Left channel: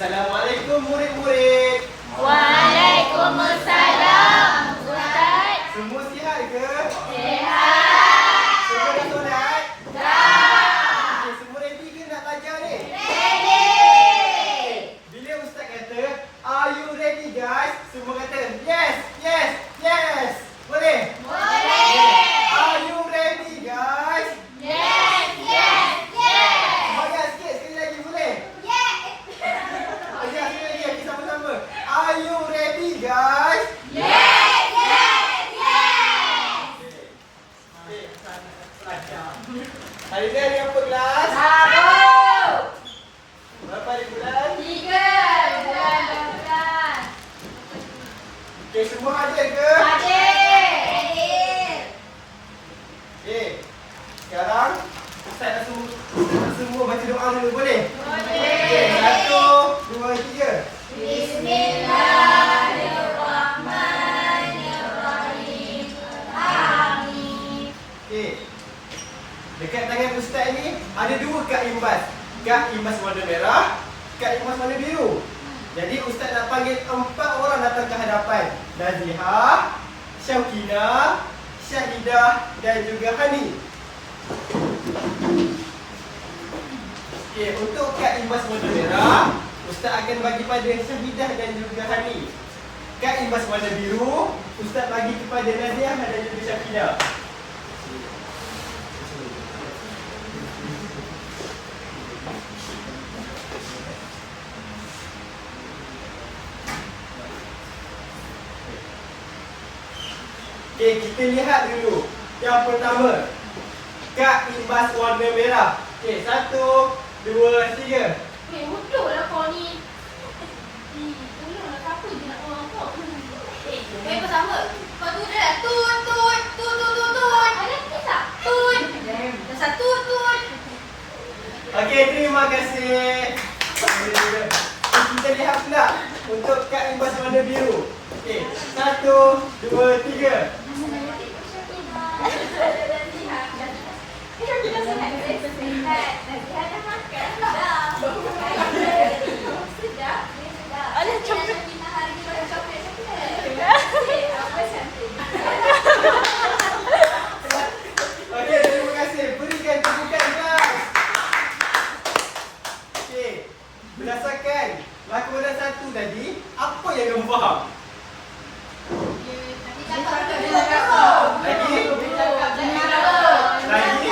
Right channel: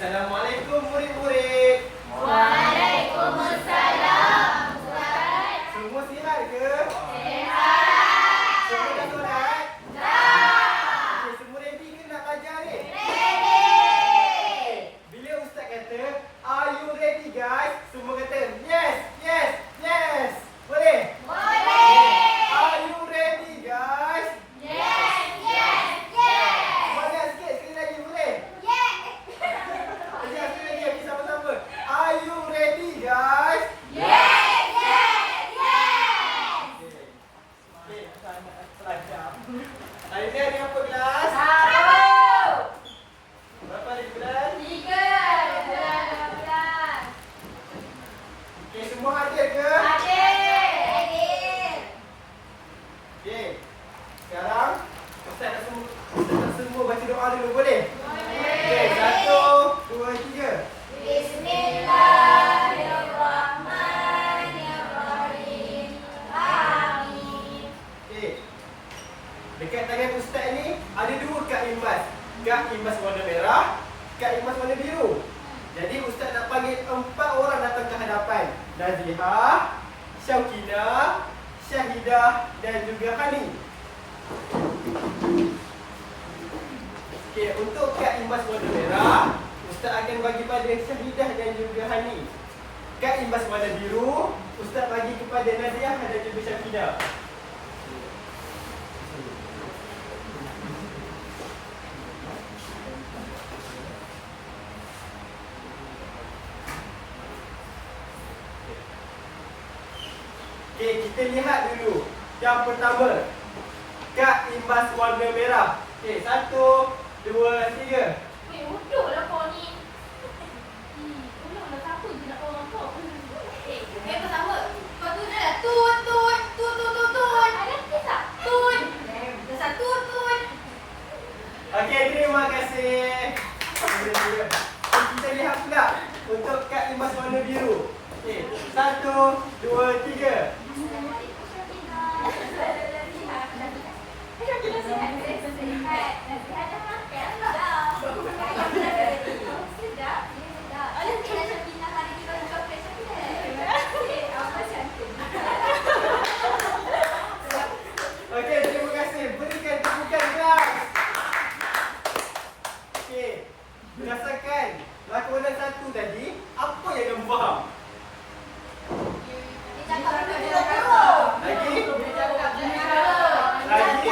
Assalamualaikum murid-murid. Waalaikumsalam, Ustaz. Semua sihat ke? Sihat. Semua dah solat? Dah. Okey, semua ready ke nak belajar ni? Ready. Bila Ustaz kata, are you ready guys? Semua kata, yes, yes, yes. Boleh? Boleh. Are you ready guys? Yes, yes, yes. Semangat sikit sekali lagi boleh? Yes. Sekali lagi, okey sama-sama. Are you ready guys? Yes, yes, yes. Okey. Hari ni hari apa kelas? Tahu. Berapa hari bulan? 3 bulan. Okey, semua hadir ke? Hadir. Okey. Sekarang Ustaz nak semua baca doa dulu boleh? Okey, 1, 2, 3. Bismillahirrahmanirrahim. Amin. Okey. Dekat tangan Ustaz ni ada dua kad imbas. Kad imbas warna merah, kad imbas warna biru. Jadi Ustaz nak panggil 4 orang datang ke hadapan. Nazihah, Syaukinah, Syahidah dan juga Hani. Okey, untuk kad imbas warna merah, Ustaz akan bagi pada Syahidah dan juga Hani. Kad imbas warna biru, Ustaz bagi kepada Nazihah dan juga Syaukinah. Okey, kita lihat dulu. Yang pertama, kad imbas warna merah. Okey, 1, 2, 3. Bodohlah kau ni. Tolonglah siapa je nak orang kau. Pertama. Lepas tu dah lah. Tut. Ada kisah? Tut. Dah satu tut. Okey, terima kasih. Kita lihat pula untuk kad imbas warna biru. Okey, 1, 2, 3. Assalamualaikum Syakina. Syakina sihat? Sihat. Nasihat dah makan? Dah. Sedap? Sedap. Ada Syakina hari ni orang coklat Syakina. Apa cantik. Okey, terima kasih. Berikan tepukan guys. Okey, berdasarkan lakonan 1 tadi, apa yang kamu faham? Lagi? Lagi?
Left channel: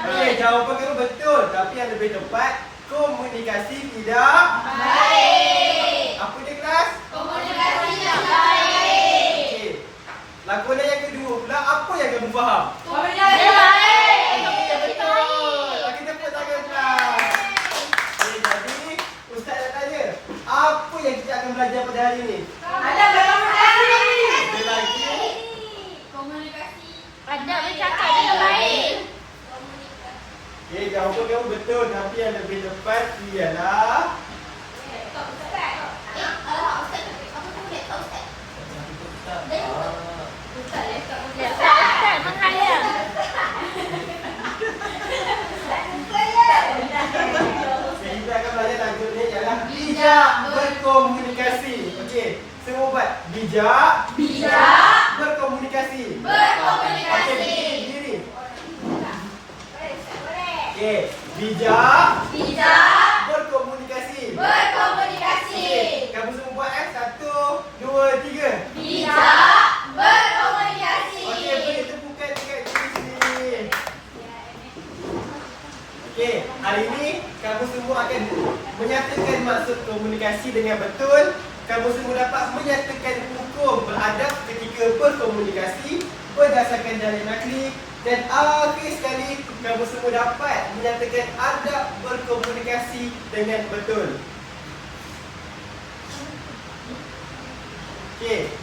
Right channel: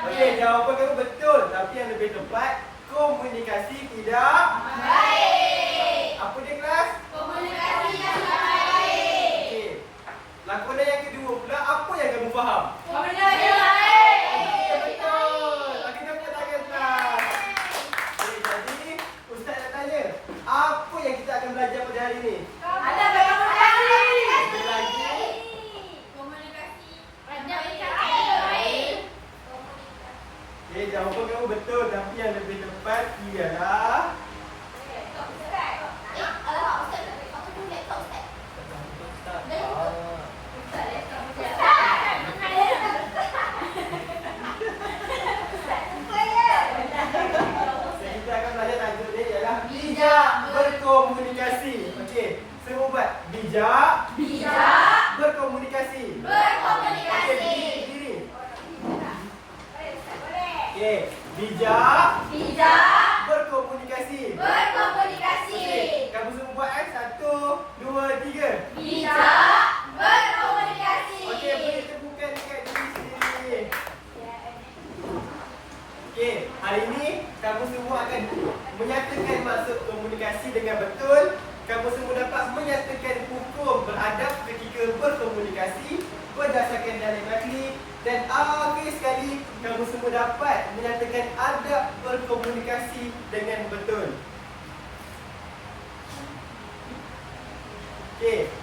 Okey, jawapan kamu betul. Tapi yang lebih tepat, komunikasi tidak Baik. apa dia kelas? Komunikasi yang baik. Okey. Lakonan yang kedua pula, apa yang kamu faham? Komunikasi baik. Okey, betul. Okey, tepuk tangan kelas. Okey, jadi Ustaz nak tanya, apa yang kita akan belajar pada hari ini? Ada komunikasi. Ada lagi? Komunikasi. Ada bercakap yang baik. Okey, jawapan kamu betul. Tapi yang lebih tepat ialah kita akan belajar tajuk ni ialah bijak berkomunikasi. Okey, semua buat bijak berkomunikasi. Okey, berdiri. Okey, bijak berkomunikasi. Okey, kamu semua buat 1, 2, 3. Okey, beri tepukan dekat diri sendiri. Okey, hari ini kamu semua akan menyatakan maksud komunikasi dengan betul. Kamu semua dapat menyatakan hukum beradab ketika berkomunikasi berdasarkan dalil nakli. Dan akhir sekali, kamu semua dapat menyatakan adab berkomunikasi dengan betul. Okey.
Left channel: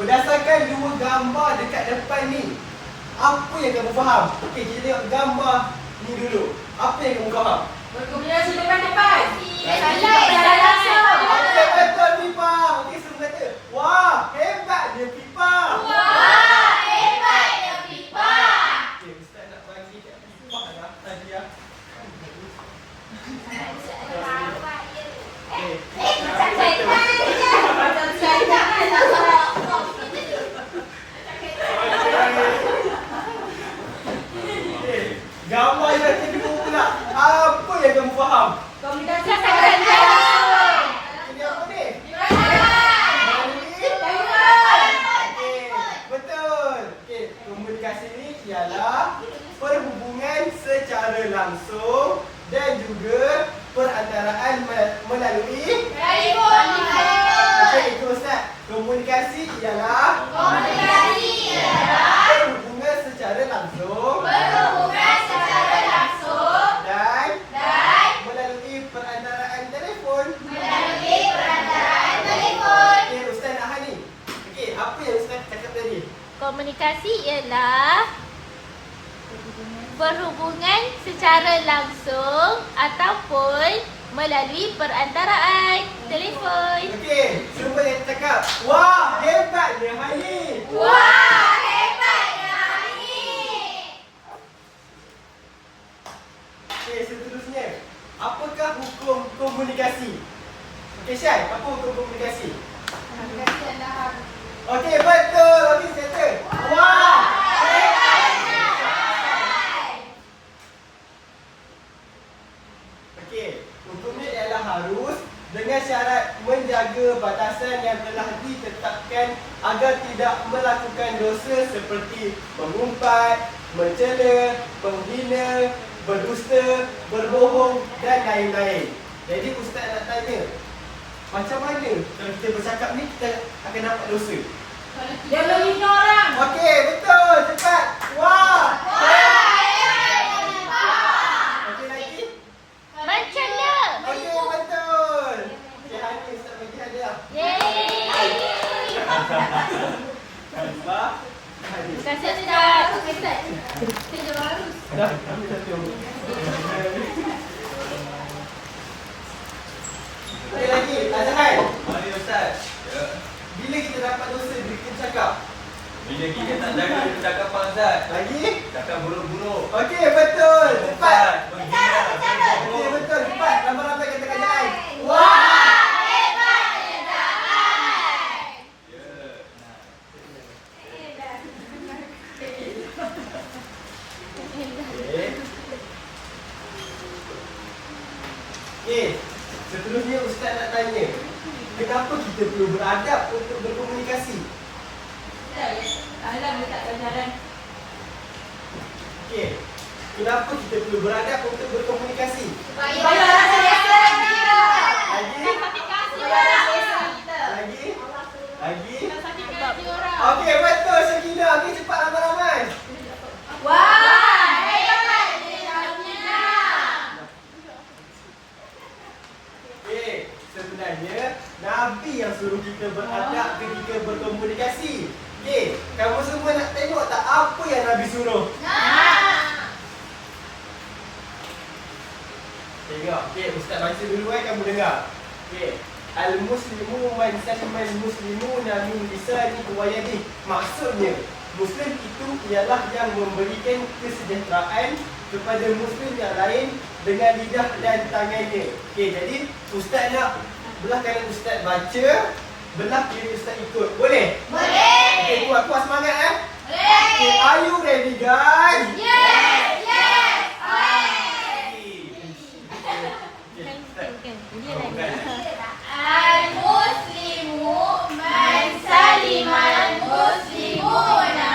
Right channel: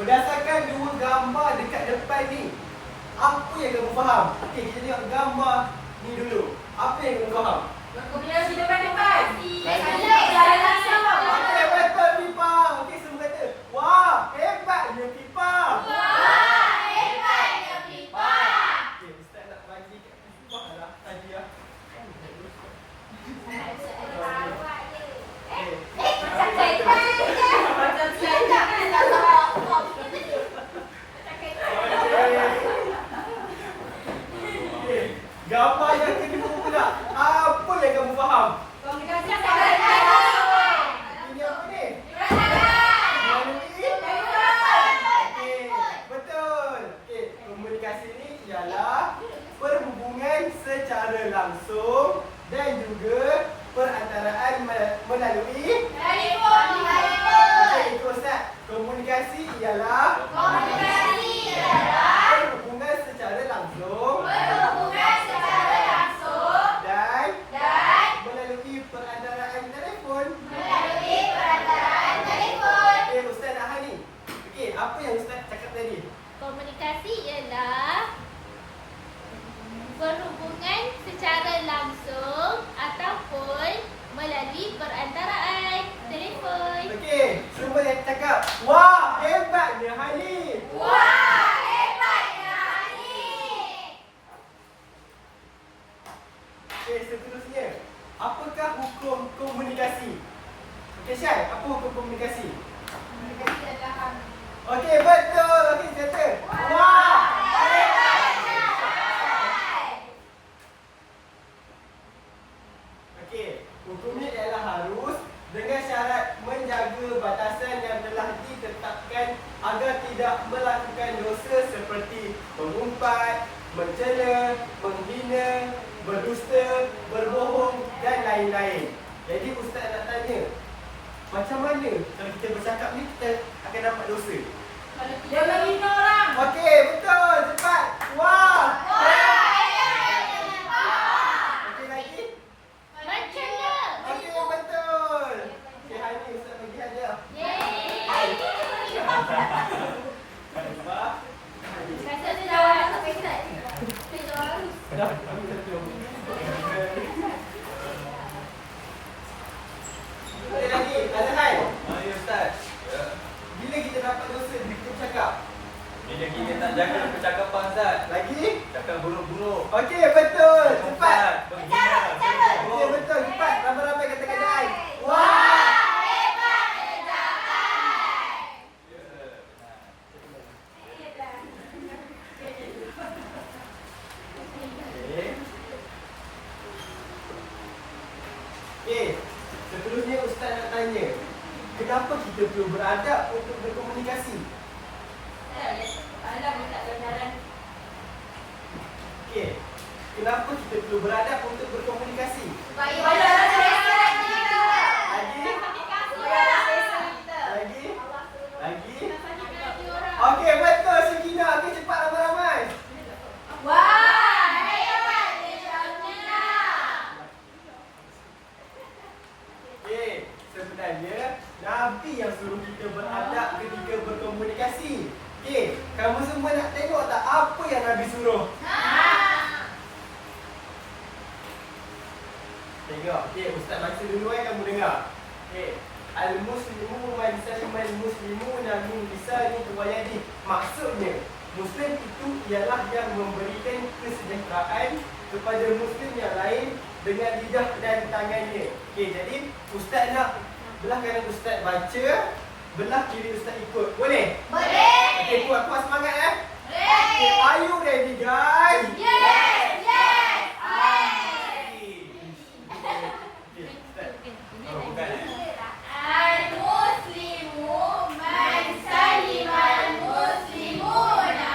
Berdasarkan dua gambar dekat depan ni, apa yang kamu faham? Okey, kita tengok gambar ni dulu. Apa yang kamu faham? Berkomunikasi dengan cepat. Okey, betul Pipa. Okey, semua kata, wah, hebatnya Pipa. Okey, Ustaz nak bagi kat Pipa lah tadi ah. ialah perhubungan secara langsung dan juga perantaraan melalui Telefon. okey, ikut Ustaz. Komunikasi ialah perhubungan secara langsung dan melalui perantaraan telefon. Okey, Ustaz Ahad ni. Okey, apa yang Ustaz cakap tadi? Komunikasi ialah perhubungan secara langsung ataupun melalui perantaraan telefon. Okey, semua yang cakap, wah, hebatnya Hani. Okey, seterusnya. Apakah hukum komunikasi? Okey, Syai, apa hukum komunikasi? Okey, betul. Okey, kata. Wah, hebatnya. Okey, hukumnya ialah harus dengan syarat menjaga batasan yang telah ditetapkan agar tidak melakukan dosa seperti mengumpat, mencela, menghina, berdusta, berbohong dan lain-lain. Jadi Ustaz nak tanya, macam mana kalau kita bercakap ni kita akan dapat dosa? Dia menghina orang. Okey, betul. Cepat. Wah. Okey lagi? Bercanda. Okey, betul. Okey, Hani Ustaz bagi hadiah. Yeay. Hadiah. Hani. Terima kasih Ustaz. Dah, ambil satu. Okey lagi, Azhar. Mari Ustaz. Ya. Bila kita dapat dosa bila kita bercakap? Bila kita nak jaga percakapan Ustaz. Lagi? Cakap buruk-buruk. Okey, betul. Cepat. Menghina, Okey, betul. Cepat. Ramai-ramai kata kerajaan. Wah! Okey. Okey. Seterusnya Ustaz nak tanya. Kenapa kita perlu beradab untuk berkomunikasi? Okey. Kenapa kita perlu beradab untuk berkomunikasi? Lagi? Lagi? Lagi? Okey, betul Syakina. Okey, cepat ramai-ramai. Okey, sebenarnya Nabi yang suruh kita beradab ketika berkomunikasi. Okey, kamu semua nak tengok tak apa yang Nabi suruh? Tengok. Okey, Ustaz baca dulu kamu dengar. Okey. Al-muslimu man salimal muslimuna min lisanihi wa yadihi. Maksudnya, Muslim itu ialah yang memberikan kesejahteraan kepada Muslim yang lain dengan lidah dan tangannya. Okey, jadi Ustaz nak belah kanan Ustaz baca, belah kiri Ustaz ikut. Boleh? Okey, kuat-kuat semangat eh. Okay, are you ready guys? Okay, start. Al-Muslimu man salimal muslimuna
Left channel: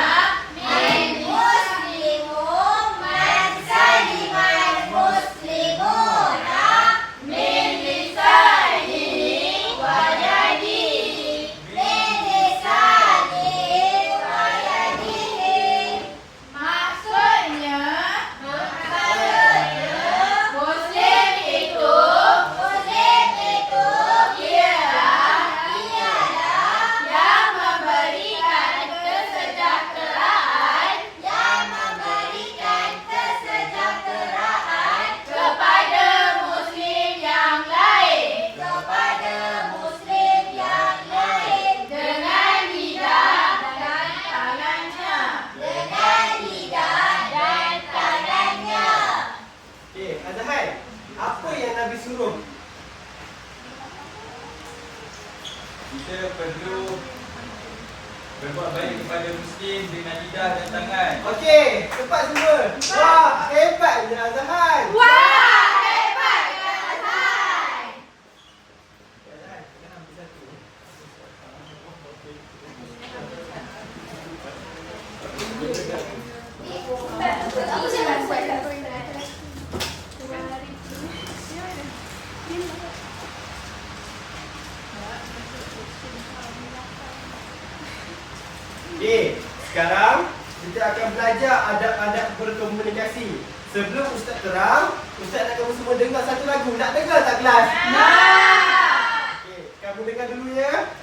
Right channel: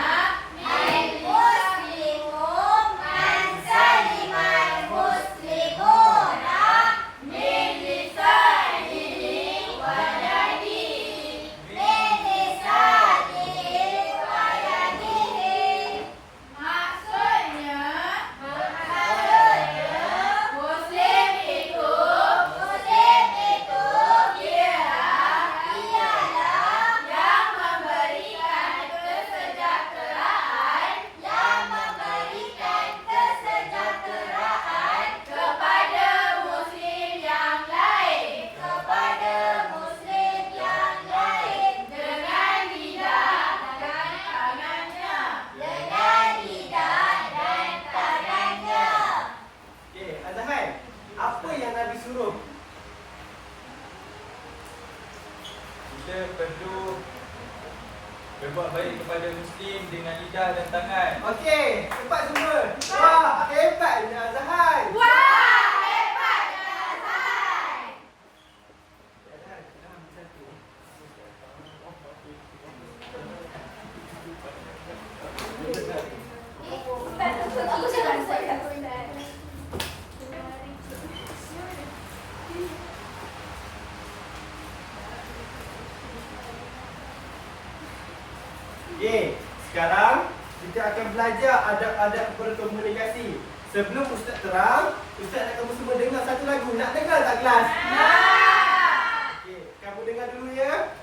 min lisanihi wa yadihi. Maksudnya Muslim itu ialah yang memberikan kesejahteraan kepada Muslim yang lain dengan lidah dan tangannya. Okay, Azhar, apa yang Nabi suruh? Kita perlu berbuat baik kepada Muslim dengan lidah dan tangan. Okey, cepat semua. Wah, hebatnya Azhar. Azhar, dah ambil satu. sekarang kita akan belajar adab-adab berkomunikasi. Sebelum Ustaz terang, Ustaz nak kamu semua dengar satu lagu. Nak dengar tak kelas? Okey, kamu dengar dulu ya.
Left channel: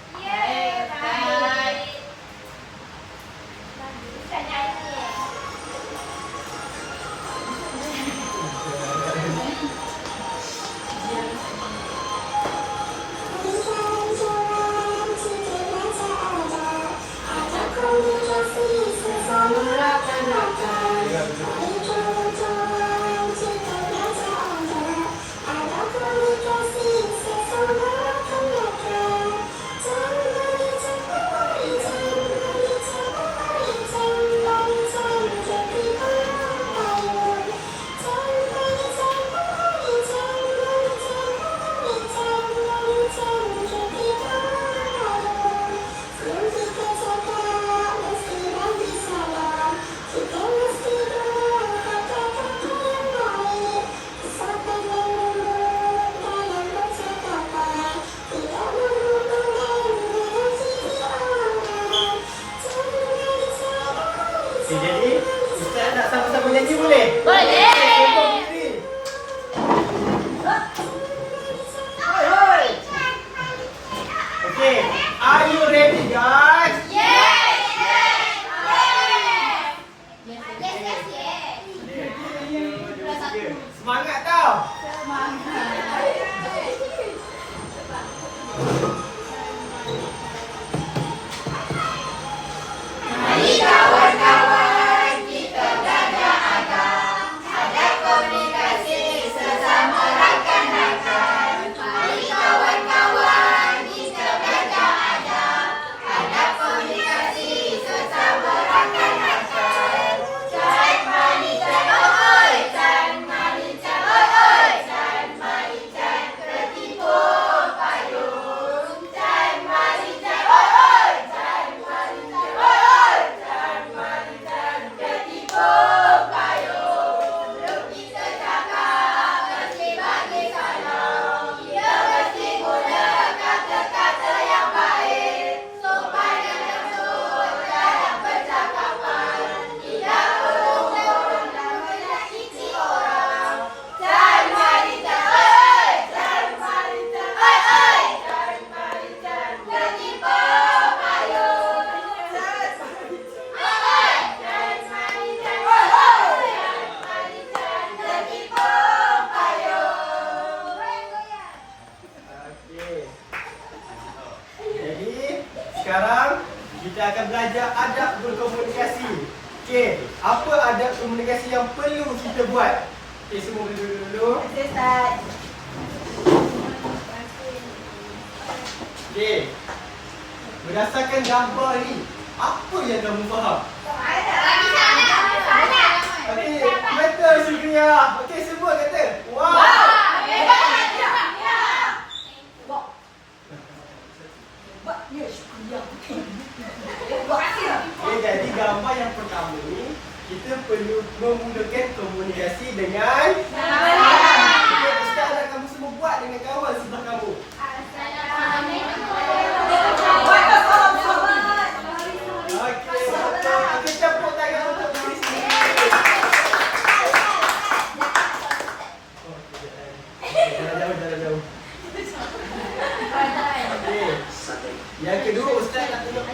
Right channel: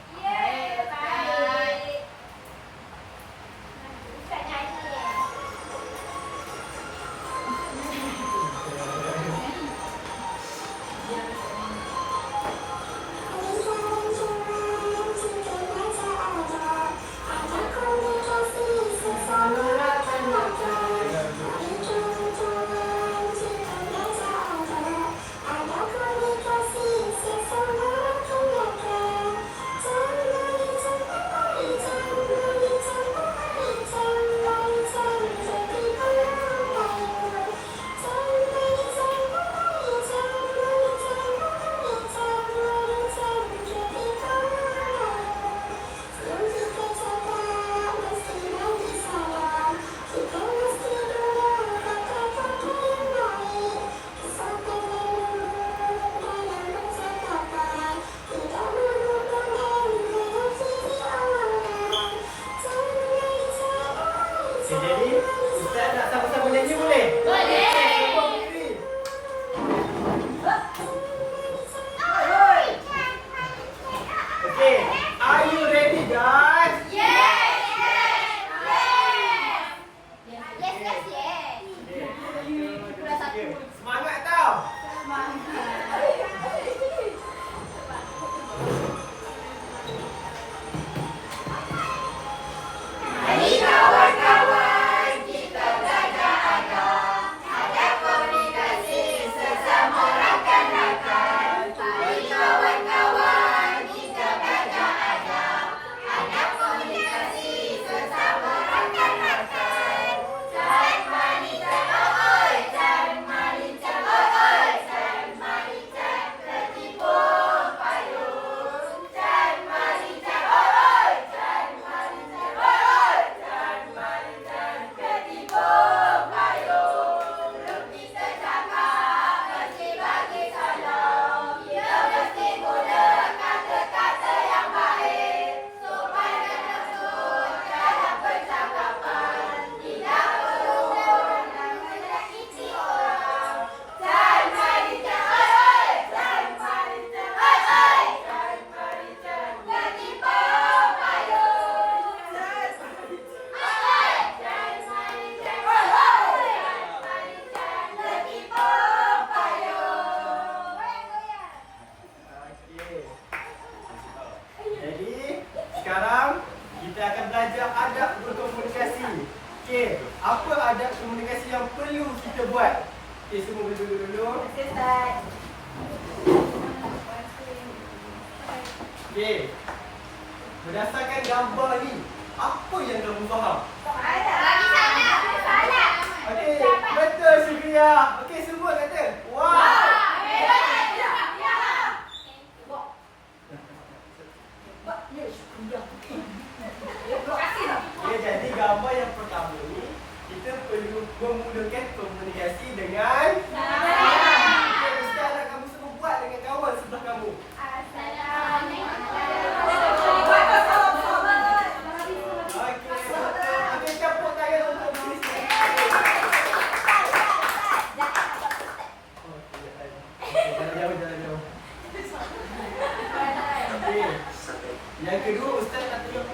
Okay, jadi Ustaz nak sama-sama nyanyi boleh? Boleh. Sokong diri. Hoi, hoi. Okay, are you ready guys? Semangat tau. Sekarang kita akan belajar adab berkomunikasi. Okey, apa adab komunikasi yang perlu kita buat? Okey, semua duduk dulu. Okey. Berdasarkan gambar ni, apa yang kamu faham? Okey, betul Syukriya. Okey, semua kata, wow. Okay, jadi gambar yang pertama ni kita perlu memulakan komunikasi dengan okay, Ustaz nak kamu semua buat dengan kawan sebelah kamu. Okey, betul. Okey, campur tangan untuk tulis ni. Okey, jalan jauh. Okey. Yang kedua, Ustaz nak tengok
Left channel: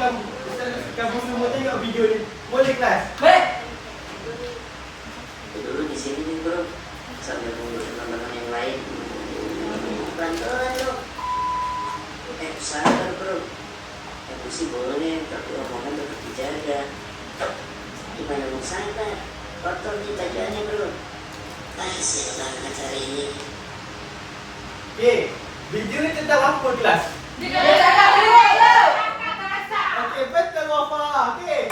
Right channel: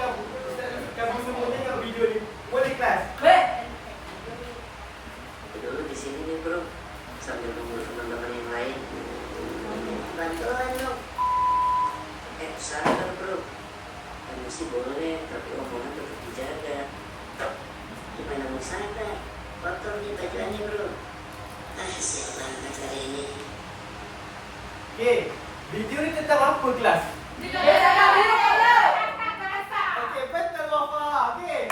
kamu. Ustaz kamu semua tengok video ni. Boleh kelas? Dulu di sini nih bro, sambil nunggu teman-teman yang lain. Bantuan dong. Sabar bro. Emosi boleh, tapi omongan tetap dijaga. Gimana mau sana? Kotor nih bajuannya bro. Siap banget acara ini. Okey, video ni tentang apa kelas? Okey, betul Wafa. Okey.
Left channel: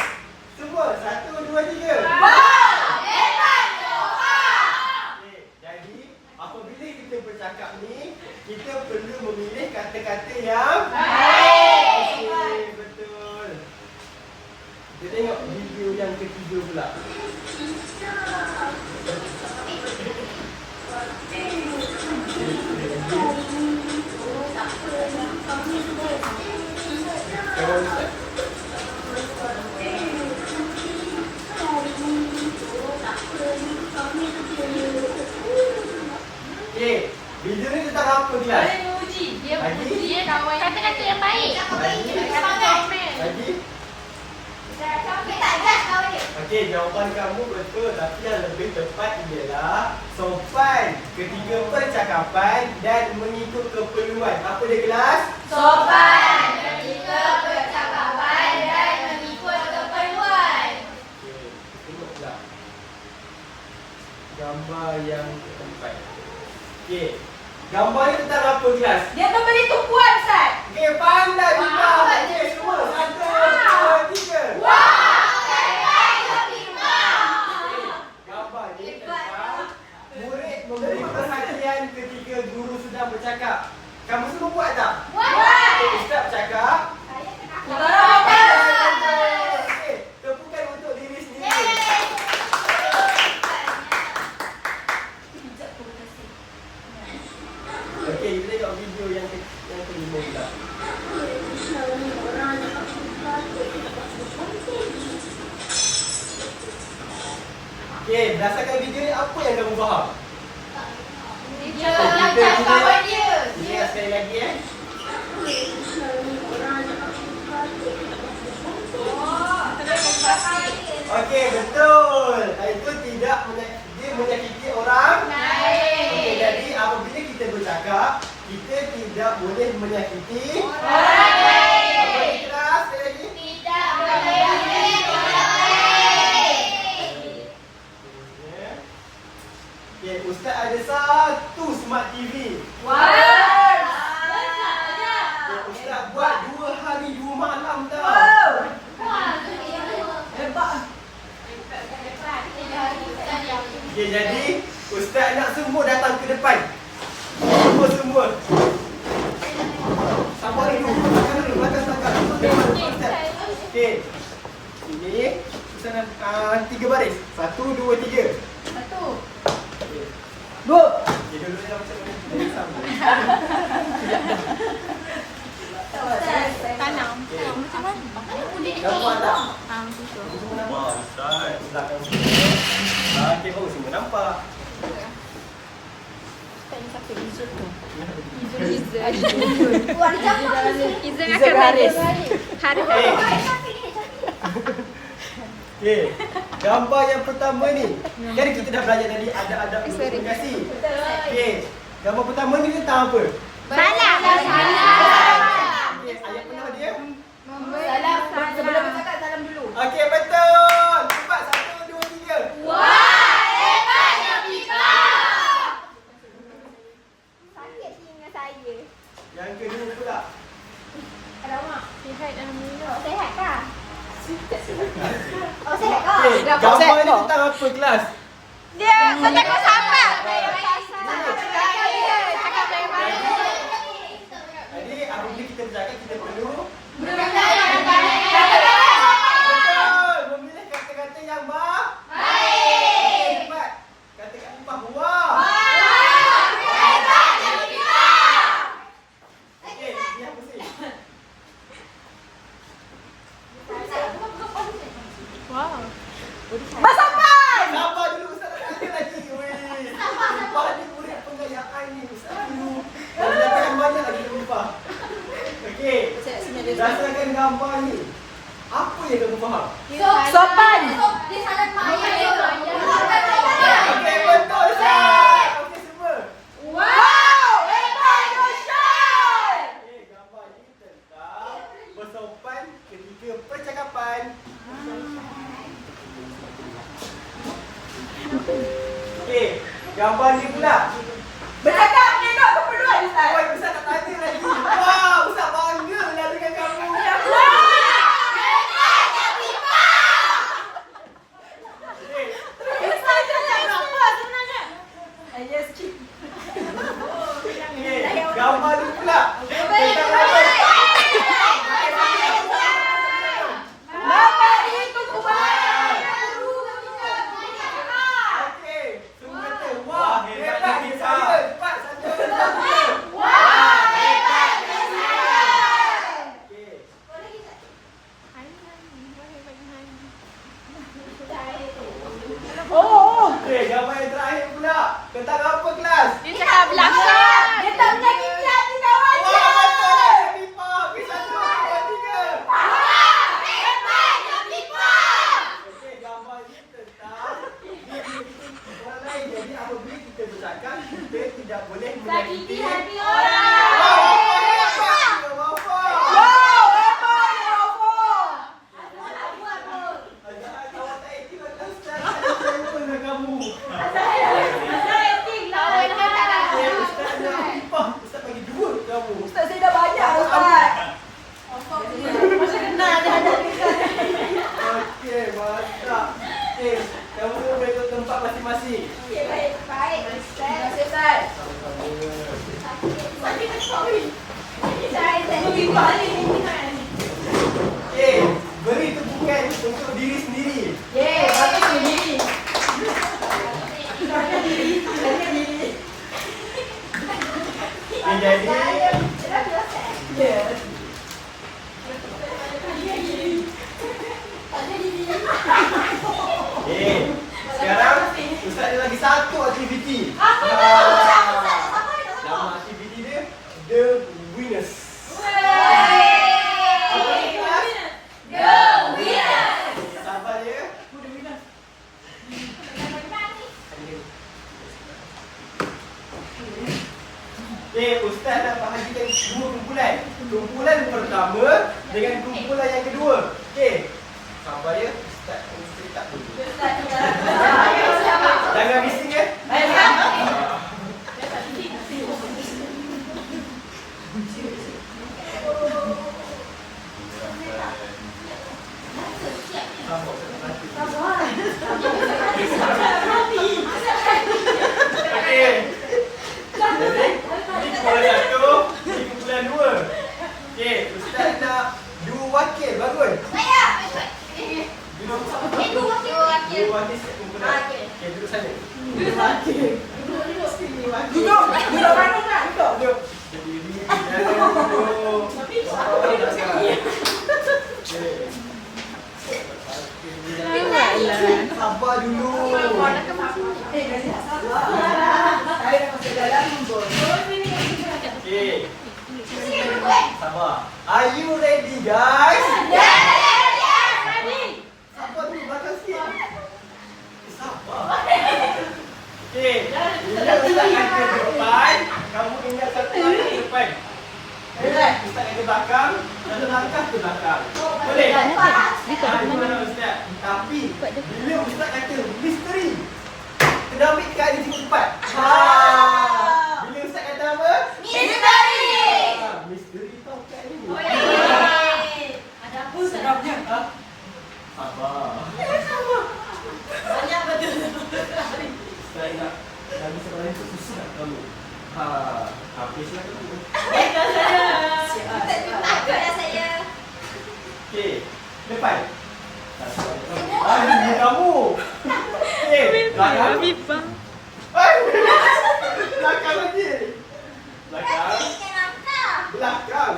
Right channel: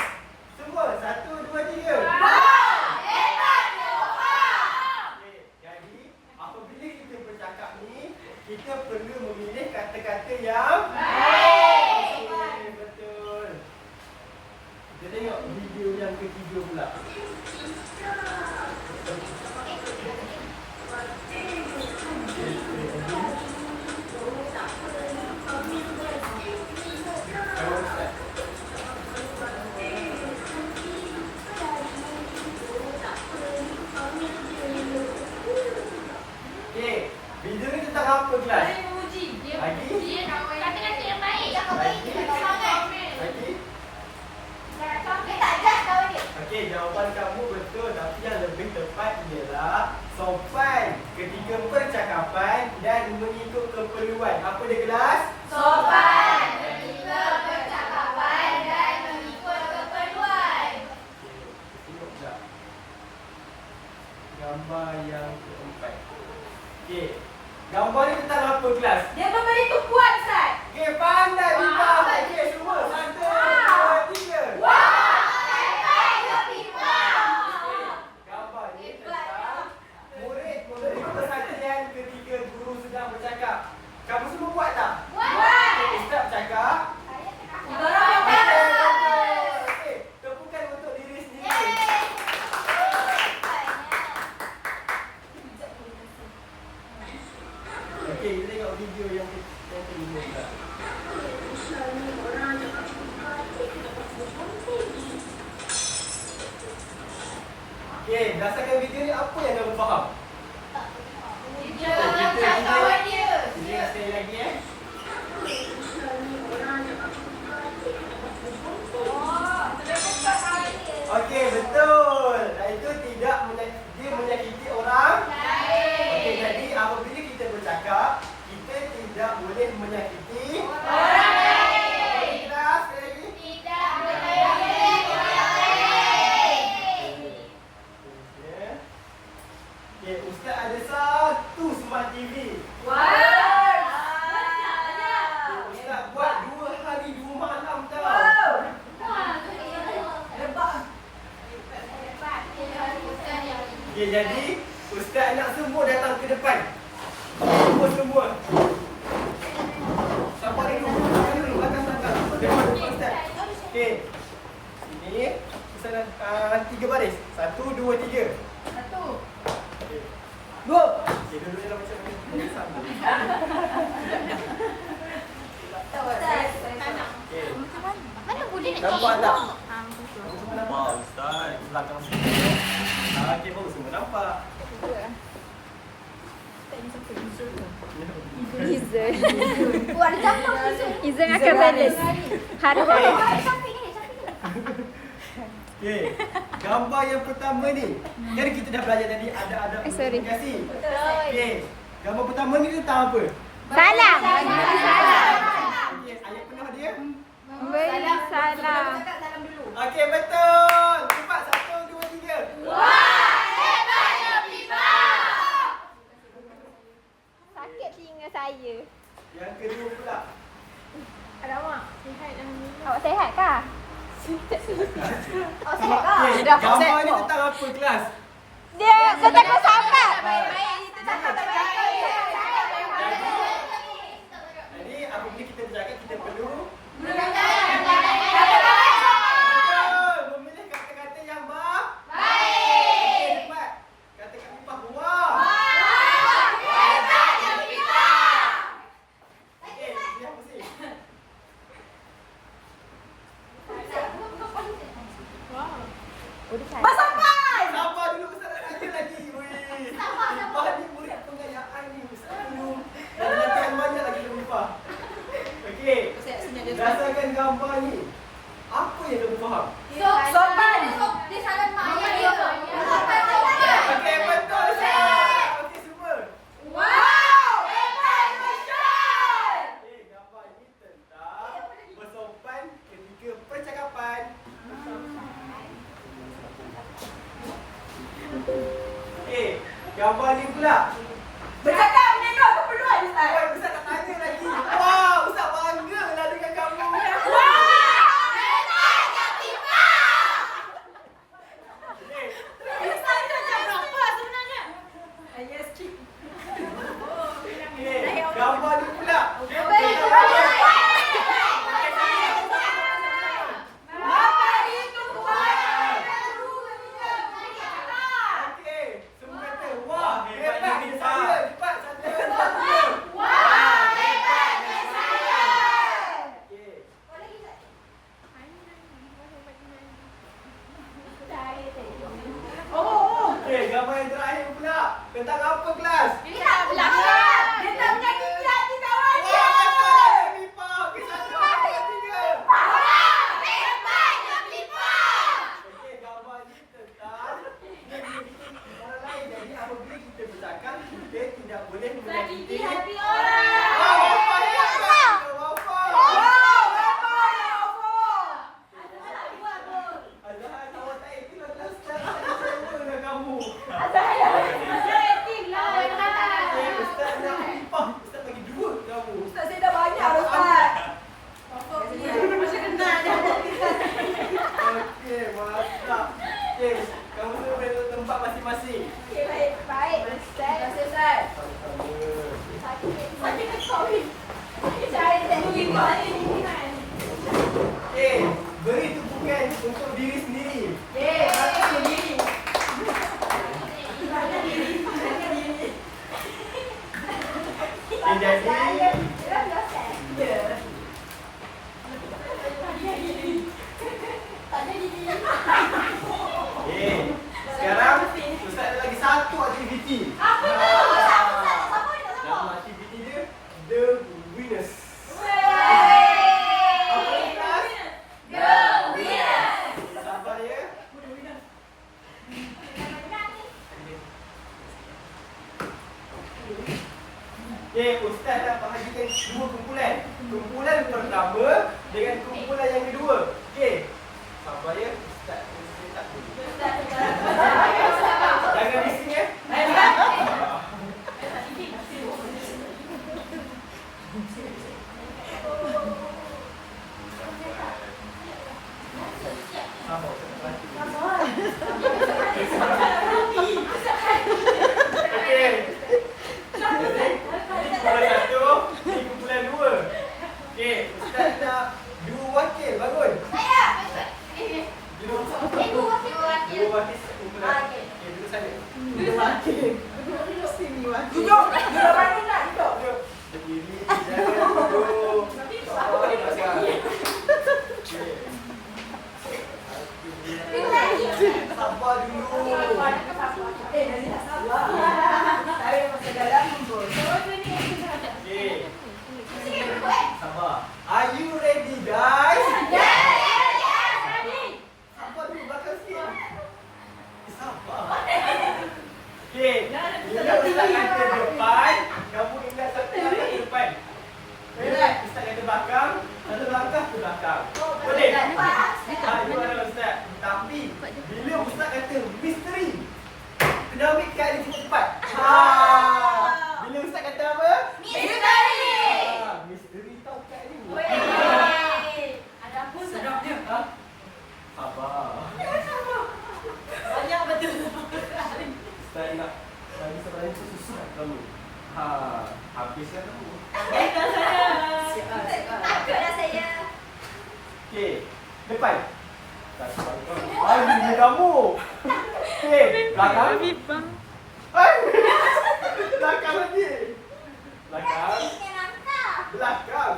Semua 1 2 3. Okey, jadi apabila kita bercakap ni, kita perlu memilih kata-kata yang baik. Okey, betul. Kita tengok video yang ketiga pula. Kawan Ustaz. Okey, jawapan kamu betul, tapi yang lebih tepat ialah sopan ketika percakapan dan mengikut keperluan. Apa dia kelas? Sopan ketika percakapan dan mengikut keperluan. Okey, tengok pula gambar yang keempat. Okey, gambar ni tentang apa kelas? Dia memberi tumpuan, Ustaz. Okey, pandai Biba. Wah, Okey, semua 1, 2, 3. Wah, hebatnya Biba. Gambar ni tentang murid memberi perhatian ketika guru sedang bercakap. Kamu semua buat tak? Buat. Okey, Ustaz bercakap. Kita orang buat. Okey, tepukan untuk diri sendiri. Okey, kita tengok video yang kelima pula. Okey, berdasarkan video ni apa yang kamu faham? Dia lancar kawan dia. Kita tengok sekali lagi Okey, betul. Itu tidak dia menyakiti orang. Okey, jadi apabila kita bercakap, kita tidak boleh menyakiti Orang lain. Apa ni kelas? Sekali lagi. Tidak boleh menyakiti orang lain. Okey, Ustaz ada satu smart TV. Wah. Ustaz buat 2 hari 2 malam tau. Okey, jadi Ustaz nak semua datang ke depan. Semua. Sabar dulu. Belakang. Depan Ustaz. Okey. Sini. Ustaz 3 baris. 1, 2, 3. Okey. Go. Okey, dulu dah macam mana? Jadi sama. Tanam. Okey. Macam mana? Nampak tak? Macam tu. Wah, Ustaz. Belakang sini. Okey, baru semua nampak. Izan akan Haris. Eh. Okey. Gambar yang pertama ni. Kan kita dah belajar tadi ada adab komunikasi. Okey. Gambar pertama ni tentang apa? Salam. Okey, ayat penuh dia. Salam. Sebelum bercakap, salam dulu. Okey, betul. Cepat 1, 2, 3. Wah, hebatnya Biba. Sakit telinga saya. Yang kedua pula. Alamak. Awak sihat kah? Oh, sihat kah? Okey, gambar ni tentang apa kelas? Dia tentang sahabat. Jadi apabila kita bercakap kita perlu Kata-kata. betul memilih kata-kata yang baik. Okey, cepat. Kata-kata bahawa. Hebatnya Biba. Okey, dia mesti. Bersopan. Sabar dulu Ustaz nak tanya lagi. Weh. Sabar ni murid pengayaan ni Ustaz dulu. Dan latihan banyak lagi nak lupa. Okey. Berdasarkan gambar ni, apa yang kamu faham? Sopan. Dia salah mak ayah dia. Okey, betul Ustaz. Okey semua. Wow, hebatnya Ustaz. Okey, gambar ni tentang bersopan ketika percakapan. Okey, gambar ni pula. Bercakap menengok keperluan Ustaz. Oi, Ustaz tak tanya lagi. Wah, Ustaz bangga lah dengan kamu. Wah, hebatnya Biba. Okey. Ustaz cakap berapa sebenarnya? Yes, cik. Okey, gambar ni pula. Tentang apa? Bapak ditunggu banyak. Okey, semua kata wah, Wah, hebatnya hebat dia kita. saya. Cepat 1, 2, 3. Wah, hebatnya saya. boleh Sakiti menyakiti. hati Wow, orang. hebat. Wafa. Azhar, awak tak aktif lah Ustaz. Saya dengan kamu. Ustaz nak upah. Ustaz bagi 2 ke kamu. Ustaz saya dah banyak dah Ustaz. Okey, mantap. Okey, kamu semua boleh ke tempat masing-masing. Terima kasih Ustaz. Okey, beri tepukan untuk diri sendiri. Okey, jadi sekarang Ustaz ada lagi satu aktiviti. Nama aktiviti dia The Winners. Apa ni kelas? Sabar ya. Okey, Ustaz nak bahagikan 2 kumpulan. Kumpulan pertama dengan kumpulan yang kedua. Okey. Sabar ya. Ustaz tak dulu. Jangan bising ya. Okey. Jadi, ini kumpulan 1, ini kumpulan 2. Okey, Ustaz nak 2 wakil bangun. Duduk. Dua wakil setiap kumpulan. Okey, duduk sana. Duduk mana nak? Duduk. Duduk. Berdiri, jangan duduk. Okey. Sabar dulu. Jadi tak sabar. Saya masih dalam kumpul. Okey. Sabar. Are you ready guys? Sabar dulu belakang sikit. Sabar. Okey. Bila Ustaz kata depan, kamu ingat satu langkah ke depan. Ustaz kata belakang, satu langkah ke belakang. Boleh? Gimana Ustaz? Tapi bila Ustaz kata misteri, kena ambil kali cepat. Bila Ustaz kata apa? Misteri tau kat ni. Sedapnya. Sabar. Banyak betul. Saya nak bisa balik tu susah tak kamu. Habislah kamu. Okey, depan. Ini kamu. Okey, belakang. Belakang lagi. Belakang. Belakang.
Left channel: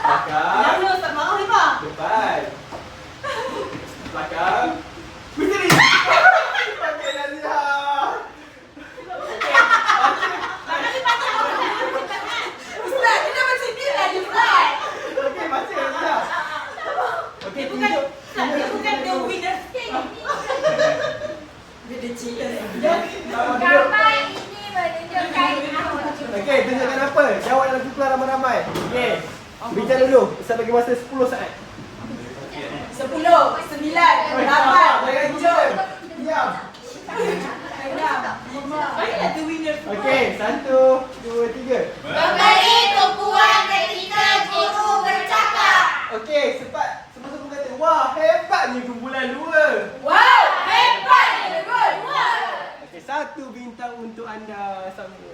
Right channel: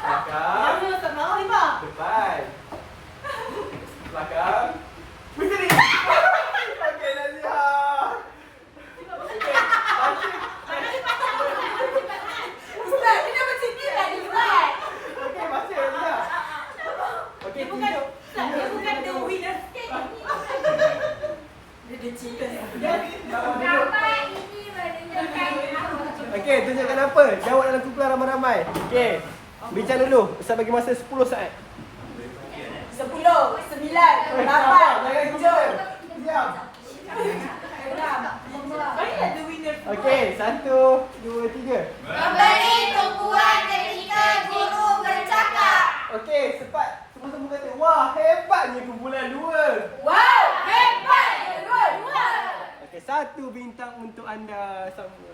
Belakang. Depan. Belakang. Misteri. Pakai nasihat. Ustaz, kita macam ni lagi Ustaz. Okey, masih nasihat. Okey, tunjuk. Dia bukan the winner. Dia the chicken. Okey, tunjukkan apa? Jawab dalam kumpulan ramai-ramai. Okey. Bincang dulu. Ustaz bagi masa 10 saat. 10, 9, 8, 7. Diam. Saya the winner. Okey, 1, 2, 3. Memberi tumpuan ketika guru bercakap. Okey, cepat. Semua kata, wah, hebat ni kumpulan 2. Wow, hebat. Good. Okey, 1 bintang untuk anda sama.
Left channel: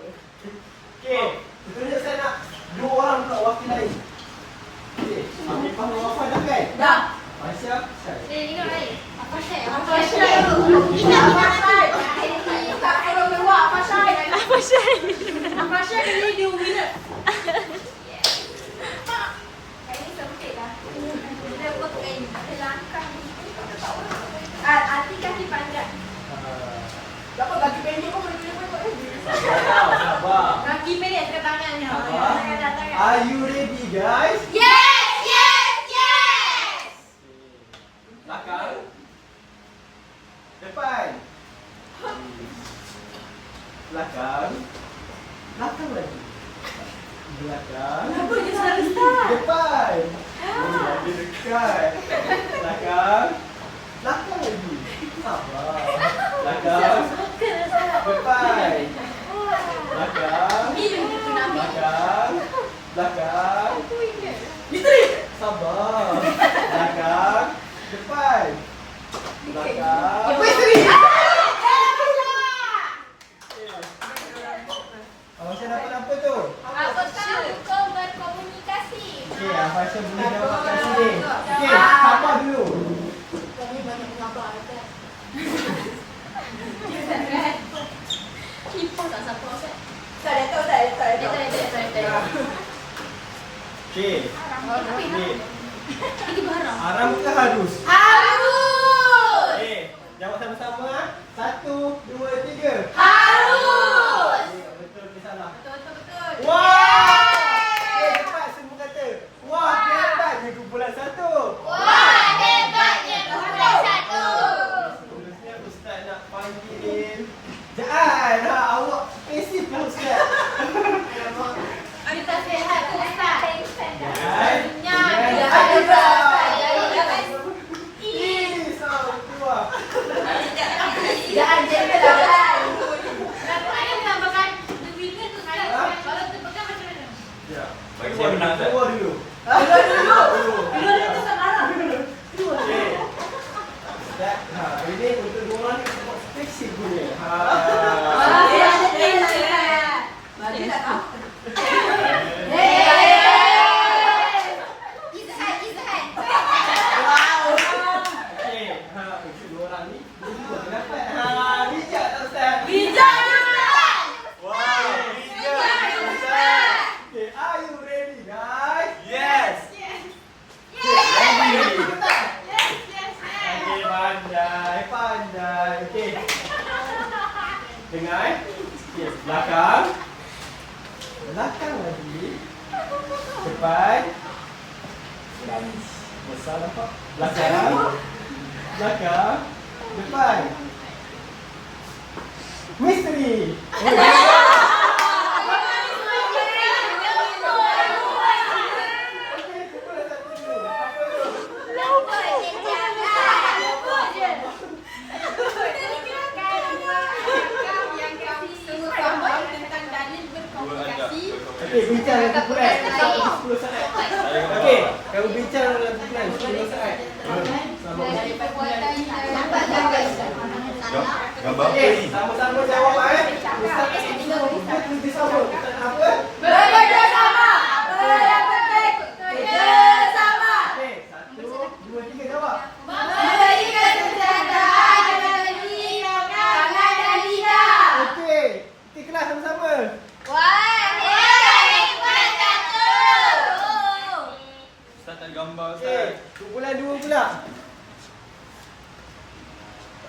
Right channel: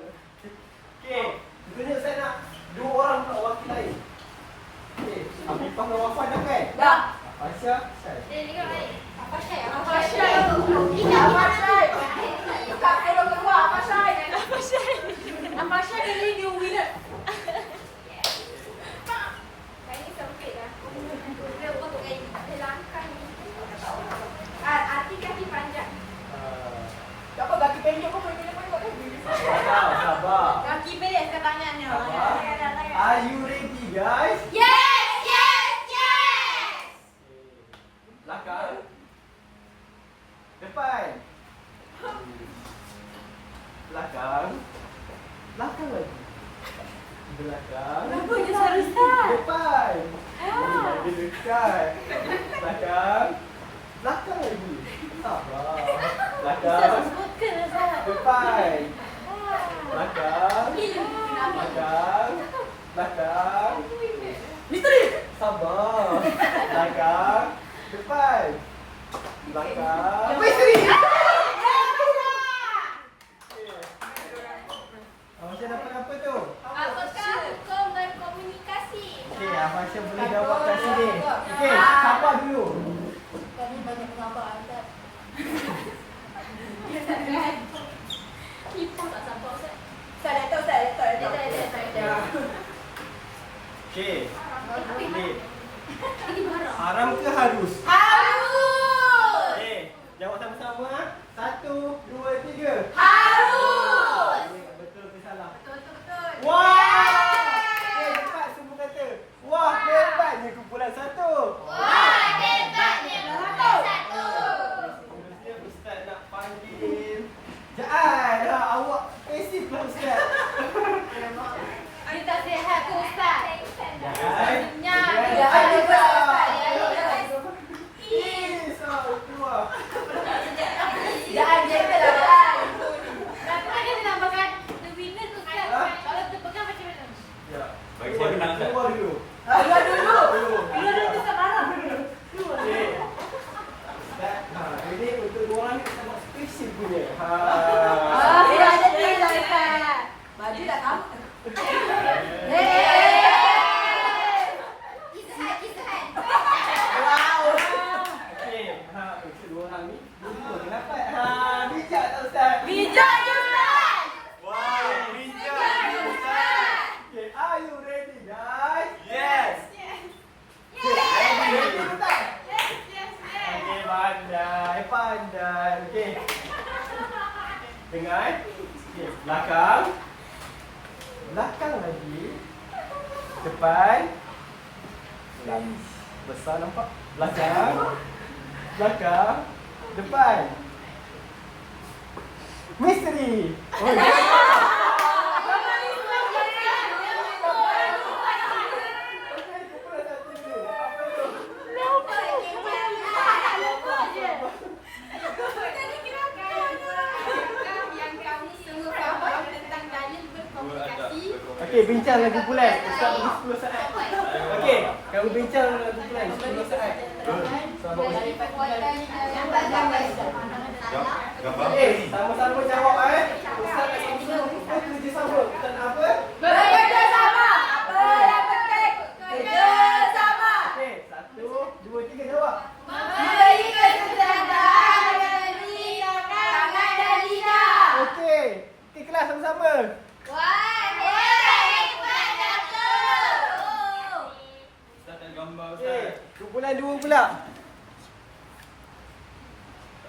Okey, tentunya saya nak 2 orang pula wakil lain. Okey, Afifah dan Wafa dah kan? Dah. Fasya, saya. Dapat kaki pendek pun boleh buat ni. Sabar. Kaki pendek ke tangannya. Are you ready guys? Yes. Belakang. Depan. Belakang. depan. Belakang. Misteri. Fasha dapat apa tu? Apakah hukum berkomunikasi? Okey, Fasha boleh jawab kat sini. Okey, sabar dulu. Kami banyak pengabar kan. Tak sabar Ustaz. Tak. Okey. Ni. Ini barang. Haram ke harus? Harus. Okey, jawab sama-sama. 1, 2, 3. Harus. Betul ke salah? Betul. Wah! Cepat semua kata. Wah, hebatnya kumpulan 1. Wah, hebatnya kumpulan 1. Seterusnya Ustaz nak panggil Jaan. Awak pasif lah Ustaz. Kita sihat tu Ustaz. Jaan. Jangan jadi lah. Bagi saya menang tak? Keluar dulu. Dulu dia tu sekarang. Okey. Ustaz, hari ni untuk dua orang ni kita buat spesifik punya. Dia ada dia. Maju tak tahu. Okey, untuk dua orang ni dua dapat. Bijak tak Ustaz? Bijak juga. Wow, bijak Ustaz. Okay, are you ready guys? Yes. Ready? Okey, pandai. Okey. Dengar. Okey, belakang. Belakang lagi. Depan. Garis besar nampak? Belakang. Depan. Misteri. Okey, bincang dengan kumpulan. 10 saat. Okey, kamu bincang dengan kumpulan 10 saat. Gambar apa Okey, ni? sama-sama jawab Ustaz tak semua kita tuju sama. Kita nak apa? Bekerjasama. Apa yang penting? Kerjasama. Okey, 1, 2, 3 jawab. Memberi kesejahteraan bagi tangan dan lidah. Okey, kita kelas sama-sama. Ustaz nak gambar Okey, Ustaz. kumpulan 2 pula.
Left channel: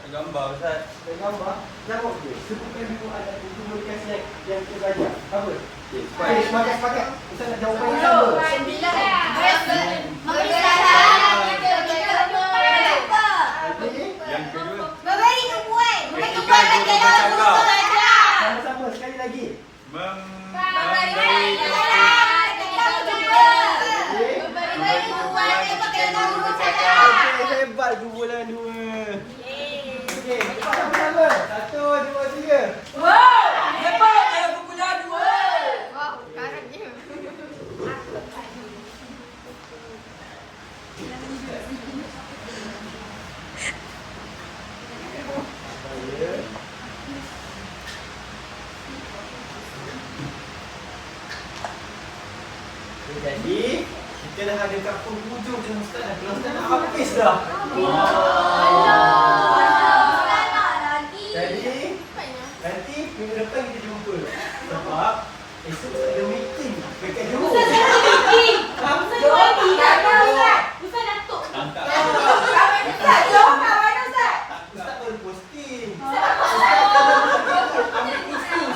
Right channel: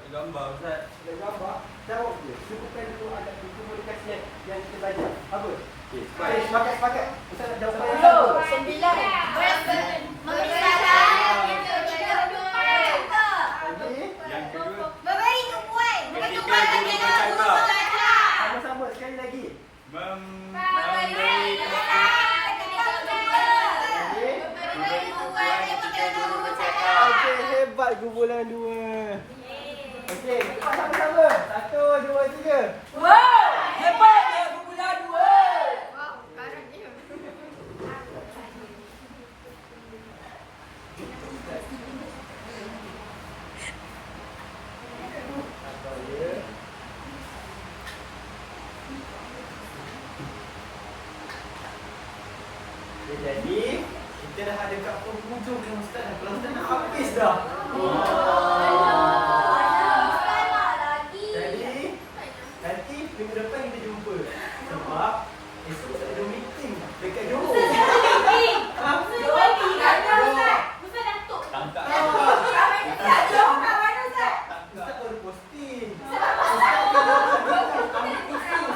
Nak gambar Ustaz. Ada gambar. Jawab je. Sebutkan dulu ada komunikasi yang kita belajar. Apa? Okey, sepakat. Ustaz nak jawab yang sama. Yang kedua. Sama-sama sekali lagi. Memberi Okey, hebat kumpulan 2. Okey, sama-sama. 1, 2, 3. Wow, hebatnya kumpulan 2. Apa ya? Okay, jadi kita dah ada kat penghujung dengan Ustaz dah. Kalau Ustaz nak habis dah. Jadi nanti minggu depan kita jumpa. Sebab esok Ustaz ada meeting dekat Johor. Ha? angkat. Ustaz baru posting. Ustaz baru posting. Ambil khusus.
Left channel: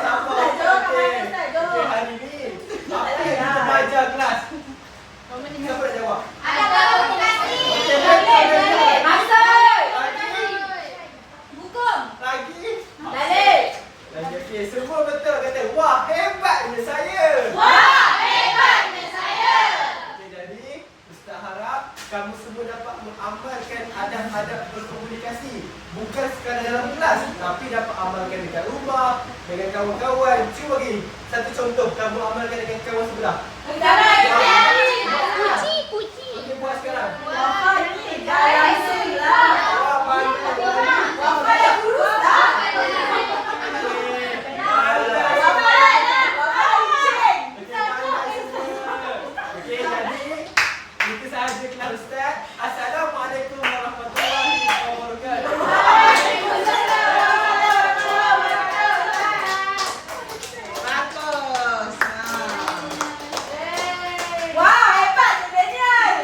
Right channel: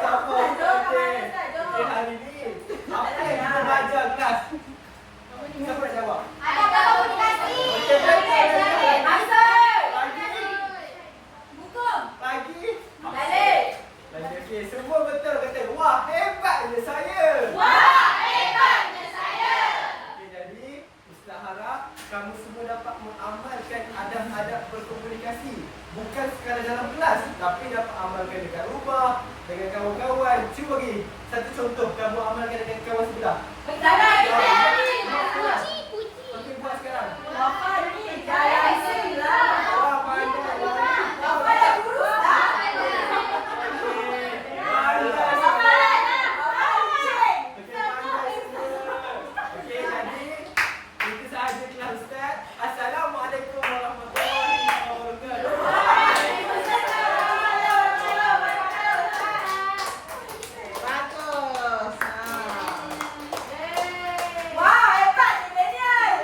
Sabar. Okey, hari ni apa yang kita belajar kelas? Siapa nak jawab? Okey, lagi. Lagi okey, semua betul kata. Wah, hebatnya saya. Okey, jadi Ustaz harap kamu semua dapat mengamalkan adab-adab berkomunikasi. Bukan sekadar dalam kelas, tapi dapat amalkan dekat rumah, dengan kawan-kawan. Cuba bagi satu contoh kamu amalkan dengan kawan sebelah. Puji. Baiklah Ustaz. Assalamualaikum warahmatullahi wabarakatuh. Bagus. Wah, hebat je Daniel.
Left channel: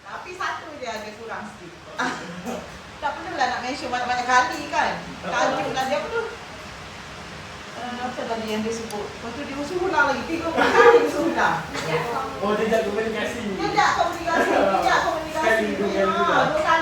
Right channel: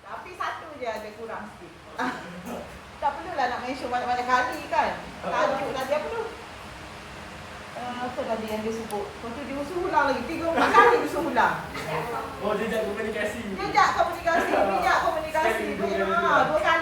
Tapi satu dia ada kurang sikit. Tak perlulah nak mention banyak-banyak kali kan. Tajuk lah dia perlu. Apa tadi yang dia sebut? Lepas tu dia usul ulang lagi. 3 kali dia usul ulang. Oh, jejak komunikasi. Tidak komunikasi. Sekali dua kali juga. 2 kali.